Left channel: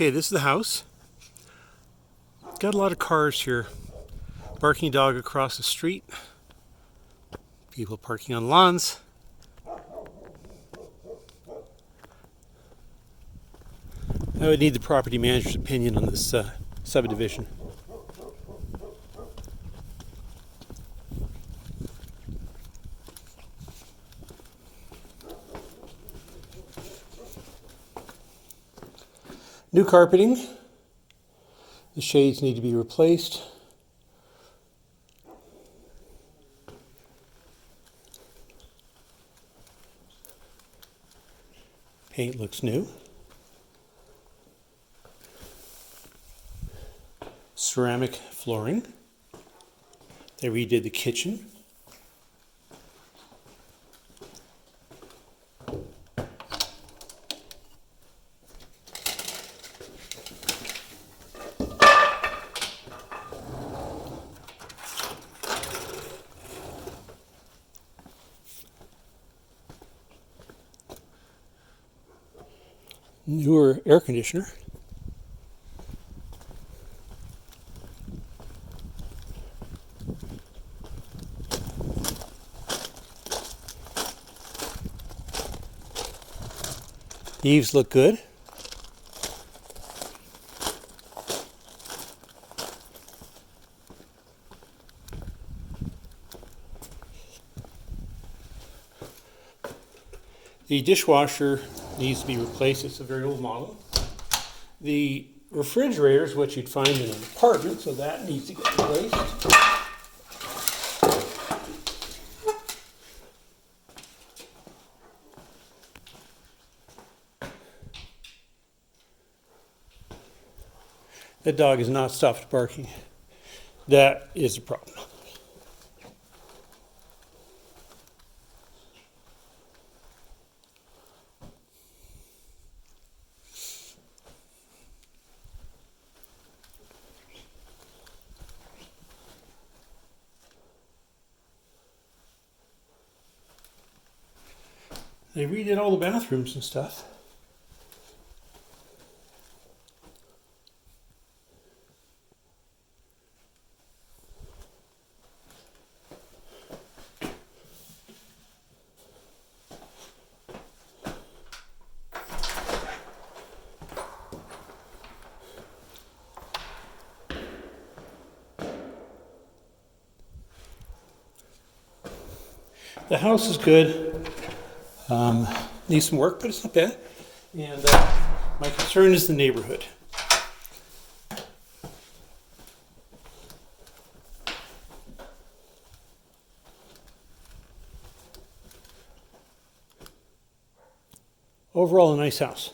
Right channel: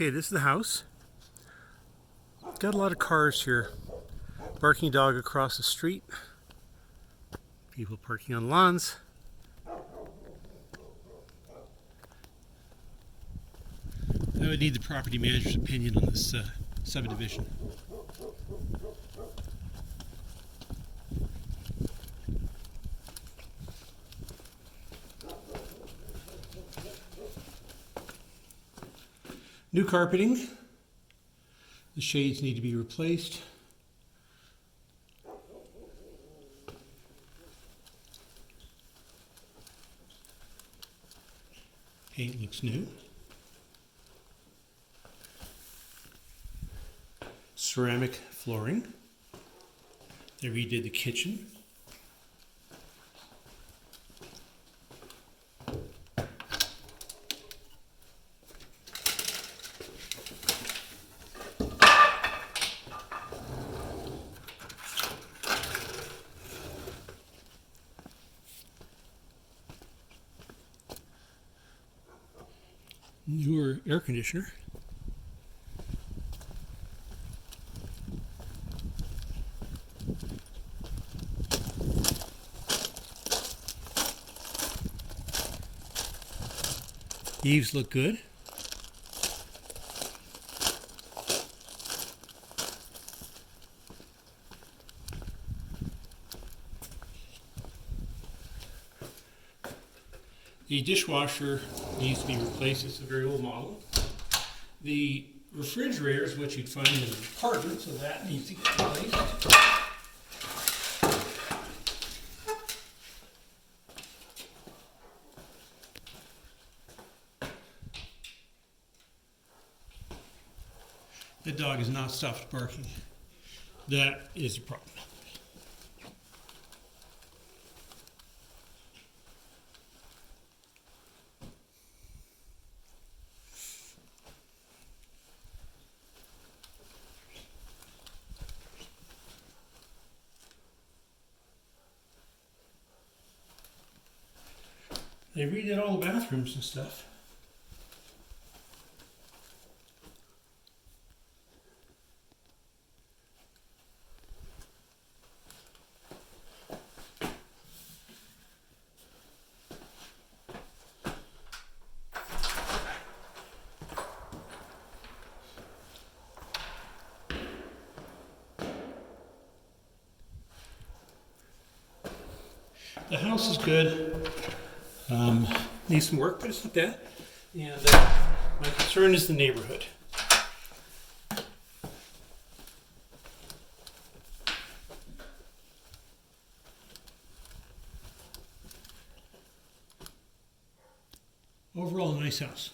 Okay, this is the house. Got a lot of cars here. Barking dog across the street. People parking on lawns. I would need the property manager's opinion on this subdivision. New carpeting. The shades need to be replaced. Paint looks new. Ceramic flooring. They redid the kitchen. Newer air conditioner. The eaves look good. The dishwasher needs to be replaced. It's a very old model. The refrigerator is what you'd find in an apartment, so that needs to get replaced. The dog has not stopped barking. That is a problem. They redid all the bathrooms and stuff. The house is good. Needs some work, but it's not bad. And my concern is the neighborhood. Overall, a nice house.